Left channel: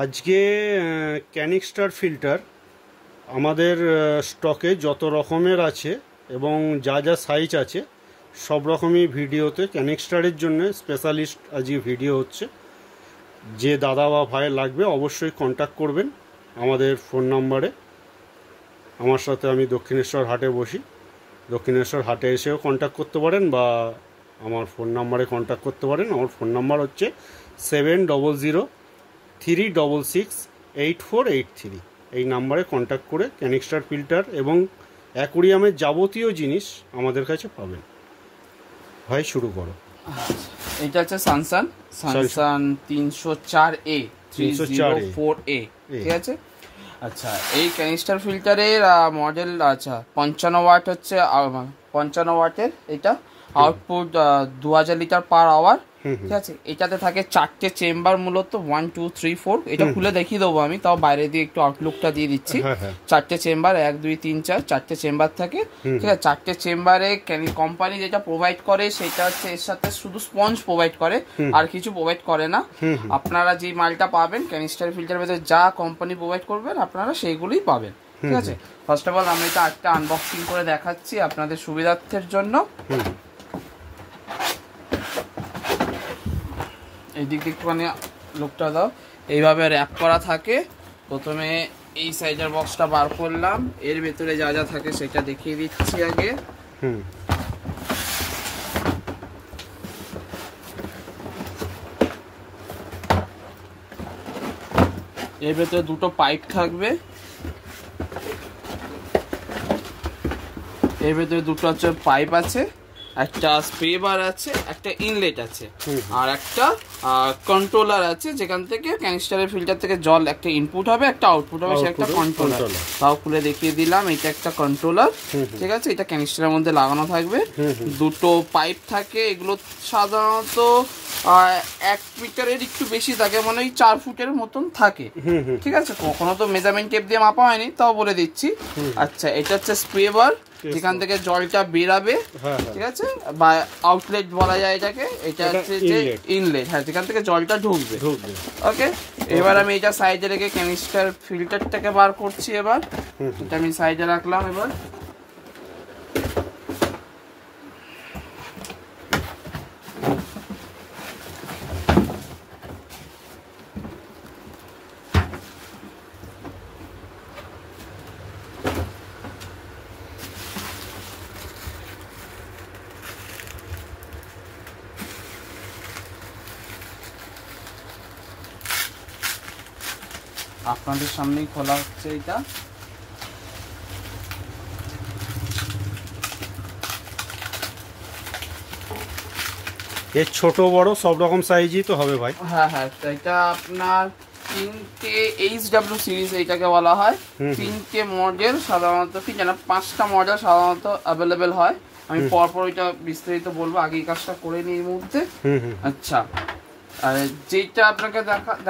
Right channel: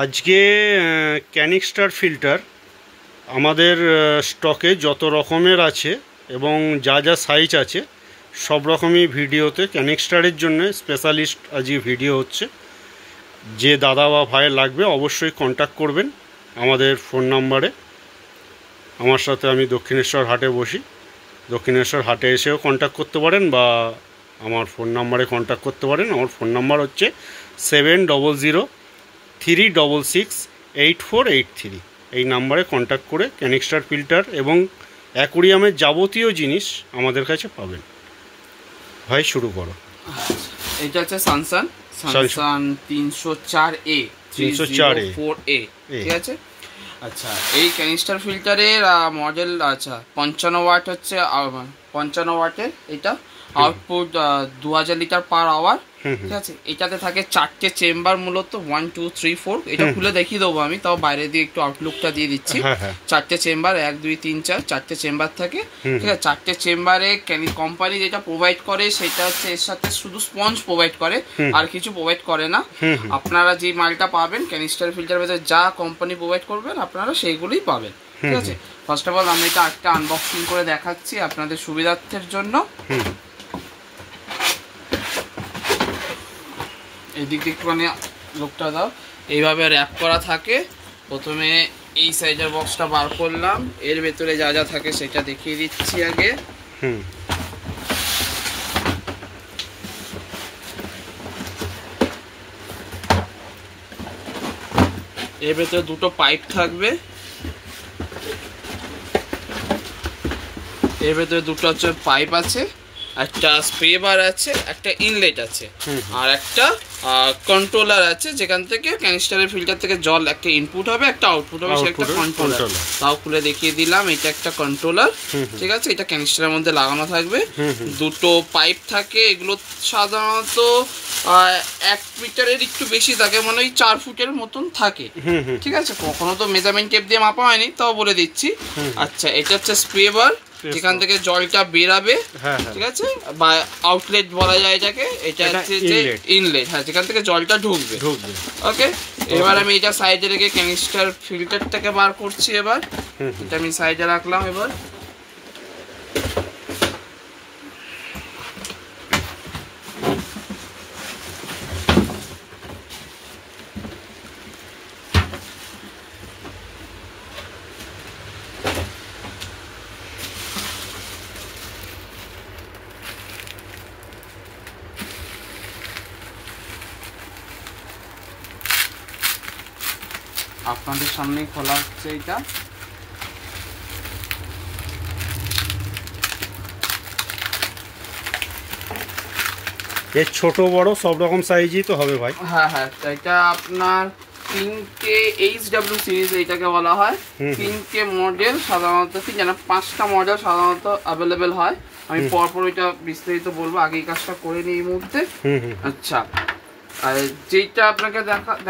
আজকে canister filter আমাদের স্টকে যত রকমের আছে এবং যা যা সাইজ আছে সব রকমই ভিডিওতে ক্যানিস্টারের জন্য স্পেশালিস্ট আজকে ভিডিও হচ্ছে। যে দাদা বা ভাইয়ের লাগবে অবশ্যই কন্ট্যাক্ট করবেন আমাদের ফোন নাম্বারে। আমার সাথে আমি দক্ষিণেশ্বর হাটে বসি, দক্ষিণেশ্বর হাটে এসেও কন্ট্যাক্ট করতে পারেন বা আমার ফোন নাম্বারে কন্ট্যাক্ট করতে পারেন। আমার ফোন নাম্বার হচ্ছে 7003668483। এই নাম্বারে কন্ট্যাক্ট করে ক্যানিস্টার ফিল্টার এবং অ্যাকোরিয়ামের যাবতীয় জিনিস আমাদের কাছে পাবেন। ভাই শুরু করো। এটা হচ্ছে সানসান 304A 304A, ঠিক আছে। আচ্ছা, এই ক্যানিস্টার ফিল্টারের মডেল 55 ওয়াট হচ্ছে, 55 ওয়াটের। এটা আউটপুট 2000 লিটার পার আওয়ার, ঠিক আছে। এটাতে থাকে 4টে চেম্বার, মূলত 1 2 3 4। এটা খুলে দেখিয়ে দেবো আমি, তাও বাইরে দিয়ে একটু আউটলুকটা দিয়ে দিচ্ছি। 4টে চেম্বার, 1 2 3 4, 4টে চেম্বার থাকে, ঠিক আছে। 4টে চেম্বারে কোম্পানি যেটা প্রোভাইড করে সেটা হচ্ছে এর সাথে শুধু স্পঞ্জ প্রোভাইড করে, আর কিছু প্রোভাইড করে না। আপনারা যে মালটা পাবেন ক্যানিস্টার ফিল্টার ভেতরে যা কোম্পানি প্রোভাইড করবেন আপনারা সেইগুলোই পাবেন, ঠিক আছে। ফার্স্ট অফ অল আমি এটা একটা আনবক্সিং করে দেখাচ্ছি আপনাদের সুবিধার্থের জন্য। এই দিক দিয়ে একটুখানি লোকটা দাও। এইভাবে র্যাপ করা থাকে। প্রথমে এই সাইজের বক্সটা বার করলাম, এর ভেতরে যা যা থাকে সেটা দেখিয়ে দিচ্ছি আগে। এর ভেতরে দুটো পাইপ থাকবে, এর ভেতরে দুটো হচ্ছে পাইপ আছে, একটা স্প্রে বার আছে, একটা ইনলেট আছে, আর একটা কন্ট্রোলার আছে যেখান থেকে ক্যানিস্টারের ফিল্টার থেকে জল একটা ইনপুট হবে, একটা আউটপুট হবে, সে একটা কন্ট্রোলার। তাও খুলে দেখিয়ে দিলাম, এটা একটা কন্ট্রোলার, ঠিক আছে। এটা ক্যানিস্টারের মধ্যে লাগানো থাকবে। দুটো পাইপ থাকে, এগুলো সাধারণত 1 মিটারের একটু বেশি থাকে, মানে ওই 4 ফুটের মতন থাকে, ঠিক আছে। কখনো তো মেজারমেন্ট টেপ দিয়ে মাপা হয়নি, তাও বলে দিচ্ছি। আচ্ছা, এটা হচ্ছে স্প্রে বার, যেখান থেকে জলটা বেরাবে, ঠিক আছে, বা আউটলেট বলা যায় এটাকে। এটা হচ্ছে যে ইনলেট, হ্যাঁ, যেখান থেকে জলটা ঢুকবে। ওকে, এবার আমি এটা সাইডে রেখে ক্যানিস্টার ফিল্টারটাকে বার করছি। এবার এটা আমি সাইডে রাখলাম। এবার আপনাদের সামনেই খোলা হচ্ছে এটা। এর ছোট বড় সব রকম সাইজই তো হবে ভাই? হ্যাঁ হ্যাঁ, এটা আপনার 3টে HW সিরিজ এটাকে বলা হয়। 3টে মডেল সাধারণত, 5টা মডেল সাধারণত অ্যাভেলেবেল হয়। আমি পরপর এটা বিস্তারিত বলবো, আগে এই কাজটা করে নিই এই মুহূর্তে। আচ্ছা, আর যেটা আপনাকে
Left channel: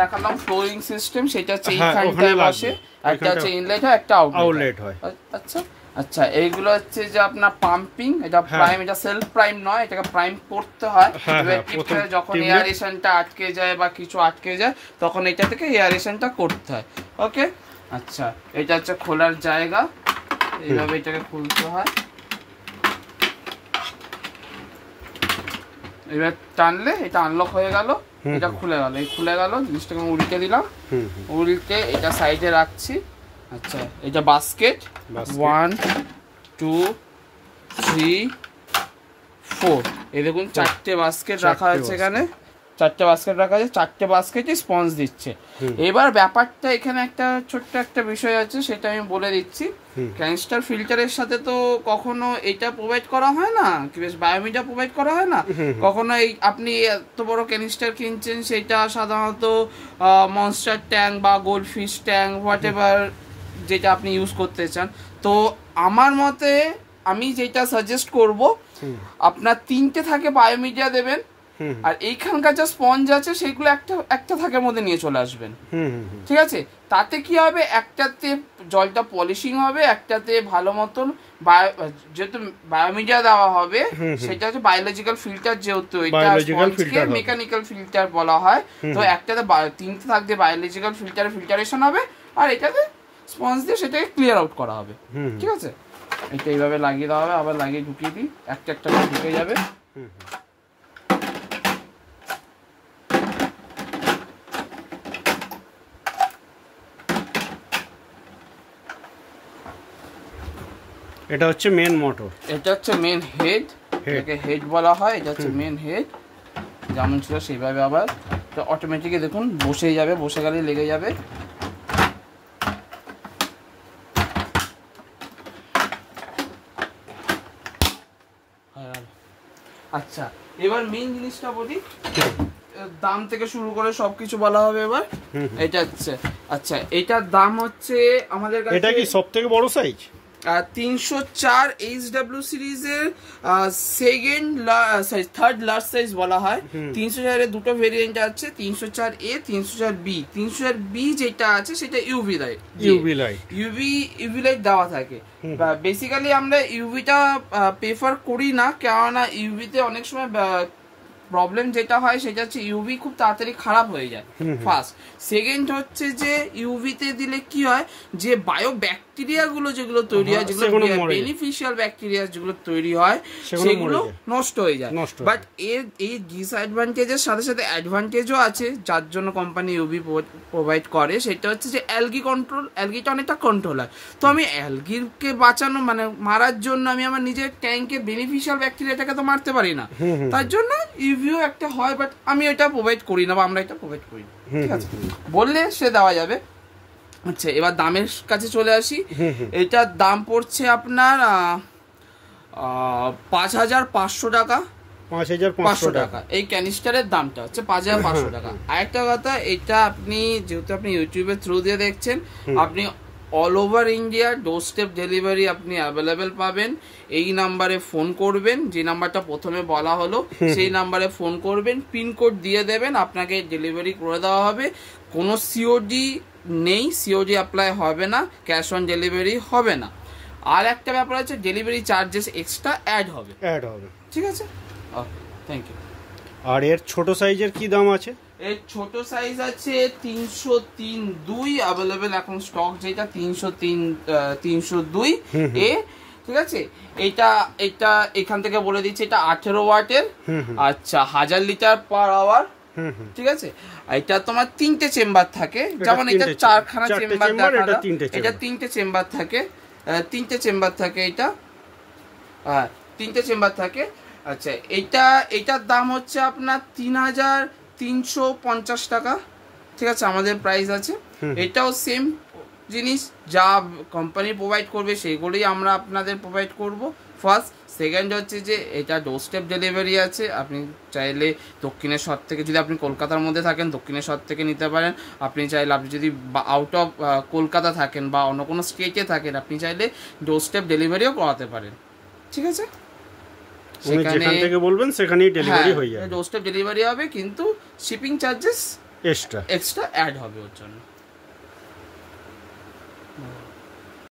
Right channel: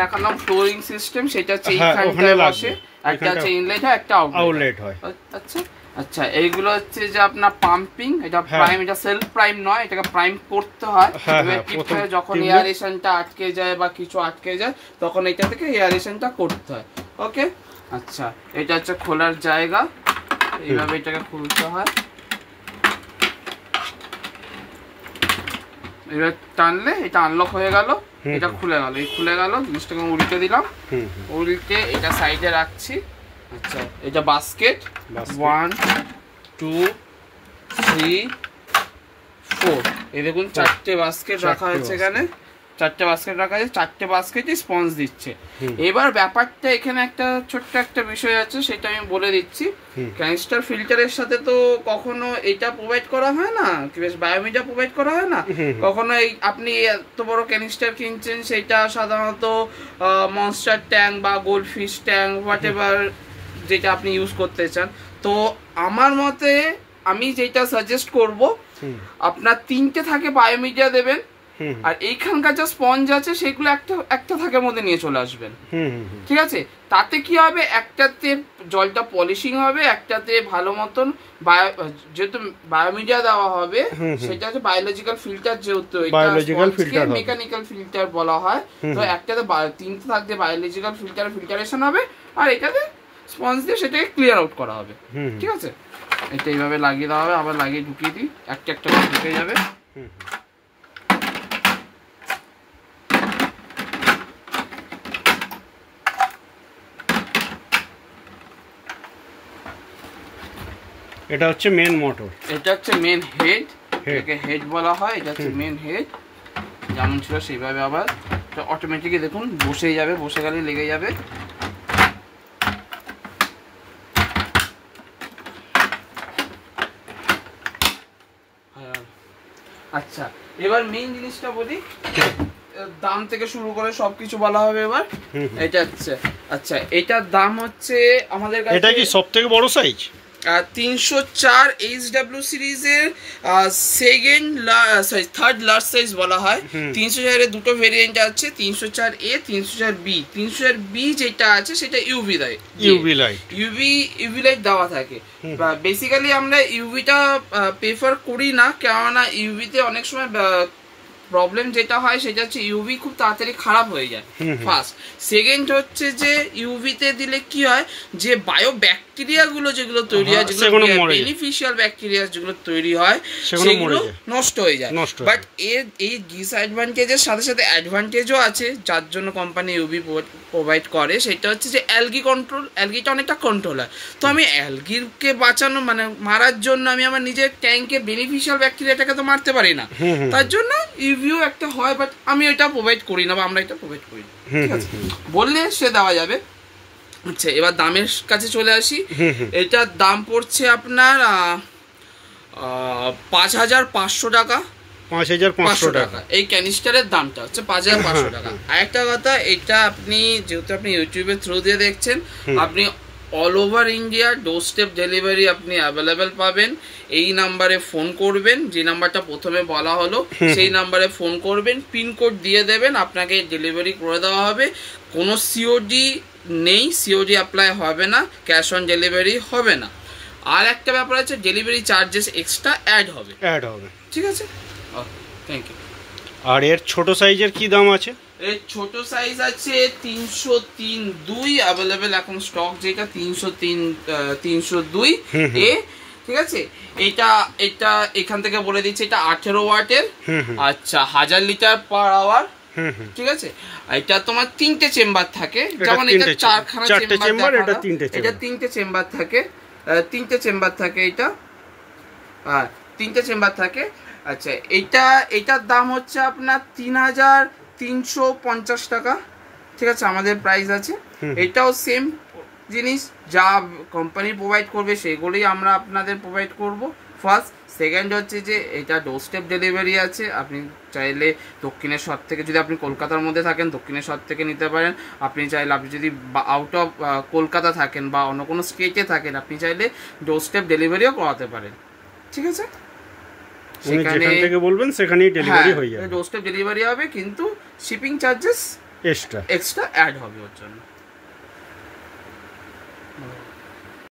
দেখালাম ফ্লোরিং সিস্টেম, সেটা হচ্ছে এইখানে আসে, একটা হচ্ছে ইনলেট হয়, একটা আউটলেট হয়। আচ্ছা আচ্ছা, এইগুলো হচ্ছে যে আপনার পাম্পিং, এটা প্রাইম, এটা সেলফ প্রাইম নয়, এটাকে প্রাইম করতে হয়। যখন এয়ারেশনটা আটকে যায় বা কিছু আটকে যায় তখন এটা থেকে এয়ারেশনটা করতে হয়। ওকে, আচ্ছা, এটা হচ্ছে খোলার জায়গা, এইভাবে এটাকে খুলতে হয়। এবার টানলে এটা আনলক হয়ে গেল, এটা খুলে গেল। এই খুলে গেল, জিনিসটাকে উল্টে দিলাম, উল্টে এটা সাইডে রাখছি। আচ্ছা, এটা বাস্কেট 1 2 3 4, এই দেখুন 4টে বাস্কেট রাখা আছে এখানে, 4টে বাস্কেট রাখা আছে, 4টে বাস্কেটই স্পঞ্জ দিচ্ছে। এবার ব্যাপারটা এখানে একটা ছোট্ট একটা বিষয় আছে, সেটা আমি বলে দিচ্ছি। ক্যানিস্টার ফিল্টারের সাথে তো কখনো এটা প্রোভাইড করা হয় না, বায়োমিডিয়া প্রোভাইড করা হয় না কখনো। এই আপনি এত বড় ক্যানিস্টার কিনছেন, সেটা সাধারণত মনস্টার ট্যাঙ্ক বা গোল্ডফিশ ট্যাঙ্ক, হোয়াট এভার যেটা আপনি ইউজ করতে চান। তো আমার মতে আমি যেটা সাজেস্ট করব, আপনার 3টে থাকে বায়োমিডিয়া দেবেন, আর এইখানকার যা স্পঞ্জ আছে সেগুলো একটা থাকের মধ্যে নিয়ে চলে আসবেন। ঠিক আছে, তাতে কি হবে, একটাতে জলটা পলিশিং হবে, একটাতে ভালো মতন যেহেতু বায়োমিডিয়া দেওয়া হবে সেটা হচ্ছে বায়োলজিক্যাল ফিল্টার, যেহেতু মেকানিক্যাল ফিল্টার বলা হয়, তো একটাতে 3টে থাকতে বায়োলজিক্যাল ফিল্টারেশন হবে, আর এটাতে স্পঞ্জ দিয়ে সেটাকে ক্লিয়ার আউট করা হবে। ঠিক আছে, এটা এইভাবে লাগিয়ে দেওয়া হবে, আবার লাগিয়ে ঢুকিয়ে দিই, একটা ঢুকে যাবে। এটা হচ্ছে মেন মোটর, এটা হচ্ছে মেন হেড, এটাকে হেড বলা হয়। এটা হচ্ছে মেন হেড, যেমন ছিল সেইভাবে আবার অটোমেটিকলি দেখুন বসেই যাবে, বসে গেলে লেগে যাবে। আচ্ছা, এবার মেইন জিনিসটা বলি, দাম থেকে শুরু করে সবকিছু বলা হবে এবার। এটা হচ্ছে, আচ্ছা এটার দাম হচ্ছে আমাদের কাছে, এটা কি সবথেকে বড় সাইজ? 304 HW সিরিজের থার্ড লার্জ সাইজ বলা হয়। 304 এর দুটো ভেরিয়েন্ট আছে, 304A 304B। 304B যেটা আছে সেটা ইউভি লাইট দেওয়া থাকে। বেসিক্যালি আমরা ইউভিটা প্রেফার করি না, কেননা ইউভিতে অনেক সময় প্রবলেম যেটা হয় সেটা হচ্ছে ইউভি খুব তাড়াতাড়ি খারাপ হয়ে যায়, ফার্স্ট। সেকেন্ড হচ্ছে যে ইউভিতে দিলে কি হয়, যে বায়ো ব্যাকটেরিয়া গুলো যেগুলো তৈরি হয়, যেগুলো বেনিফিশিয়াল ব্যাকটেরিয়া যেগুলো তৈরি হয় সেগুলো নষ্ট হয়ে যায়। বাট এর এই ডিসঅ্যাডভান্টেজের সাথে সাথে অ্যাডভান্টেজও আছে, যার জন্য কোম্পানি ইউভি প্রোভাইড করে। সেটা হচ্ছে যে অ্যালগি কন্ট্রোল, অ্যালগিটা অনেকটা কন্ট্রোল হয়। তো আমি অ্যালগিকে বাঁচানো মানে মারার জন্য আমি আমার নিজের ট্যাঙ্কে বেনিফিশিয়াল ব্যাকটেরিয়াটাকে তো মারতে পারি না, তার জন্য ইউভিও একটা হয়, বাট আমি এটা প্রোভাইড করি না, বা আমরা এটা প্রোভাইড করি না। বললে সে দেওয়া যাবে। আচ্ছা, এবার দামের কাছে চলে আসি। এটার দাম পড়ছে আপনার 5500 টাকা। 5500 টাকা এই ক্যানিস্টারের দামটা হচ্ছে 5500 টাকা। আরেকটা কথা, এটা আপনি যেহেতু আপনি ইউটিউবের থ্রু দিয়ে দেখছেন, আপনি অল ওভার ইন্ডিয়া ডোর স্টেপ ডেলিভারি আপনি অ্যাভেলেবেল পাবেন। এই নাম্বারে ফোন করবেন, যে নাম্বারটা প্রথমে বলা হলো সেই নাম্বারে ফোন করবেন, পিনকোড দিয়ে দেবেন, আপনাকে ডেলিভারি করে দেওয়া হবে। কোনো সিওডি নেই, সিওডি অ্যাপ্লাই হবে না, ক্যাশ অন ডেলিভারি হবে না। আর একটা ব্যাপার আছে, ডেলিভারি চার্জেস এক্সট্রা অ্যাড হবে। ঠিক আছে, থ্যাংক ইউ। আর এর ছোট সাইজের কি দাম আছে? এর ছোট সাইজ আছে 303.2 অ্যাভেলেবেল এখন স্টক, যেটা 303.2 এ। ঠিক আছে, এটা এখান থেকে বলে দিচ্ছি, এটা 18 ওয়াটের। আচ্ছা, 1000 লিটার পার আওয়ার। ঠিক আছে, এটা তোমার 3টে চেম্বার থাকে, যেমন এটা 4খানা চেম্বার, এটা 3টে চেম্বার থাকে, 3টে চেম্বার থাকে এটা, 3টে চেম্বার থাকে। আচ্ছা, এটার দাম হচ্ছে আপনার 3350 টাকা। ঠিক আছে, আমাদের প্রাইস আছে। এটাও সেম জিনিস, যা কোম্পানি প্রোভাইড করবে সেগুলোই আমরা আপনাদের প্রোভাইড করব, ফার্স্ট। সেকেন্ড হচ্ছে যে এটা ডোর স্টেপ ডেলিভারি আছে, আপনি চাইলে দক্ষিণেশ্বর থেকে, যদি আপনি কলকাতার মধ্যে থাকেন দক্ষিণেশ্বর থেকে নিতে পারেন। আপনি চাইলে, আপনি যদি আউট অফ কলকাতা থাকেন বা অন্য কোনো স্টেটে থাকেন, আপনি চাইলে ডোর স্টেপ ডেলিভারিও করাতে পারেন। ঠিক আছে, যেখান থেকে বলবেন সেখানেই ডেলিভারি হয়ে যাবে, ডোর স্টেপ ডেলিভারি হবে, কিন্তু শিপিং চার্জেস এক্সট্রা অ্যাড হবে ওর জন্য।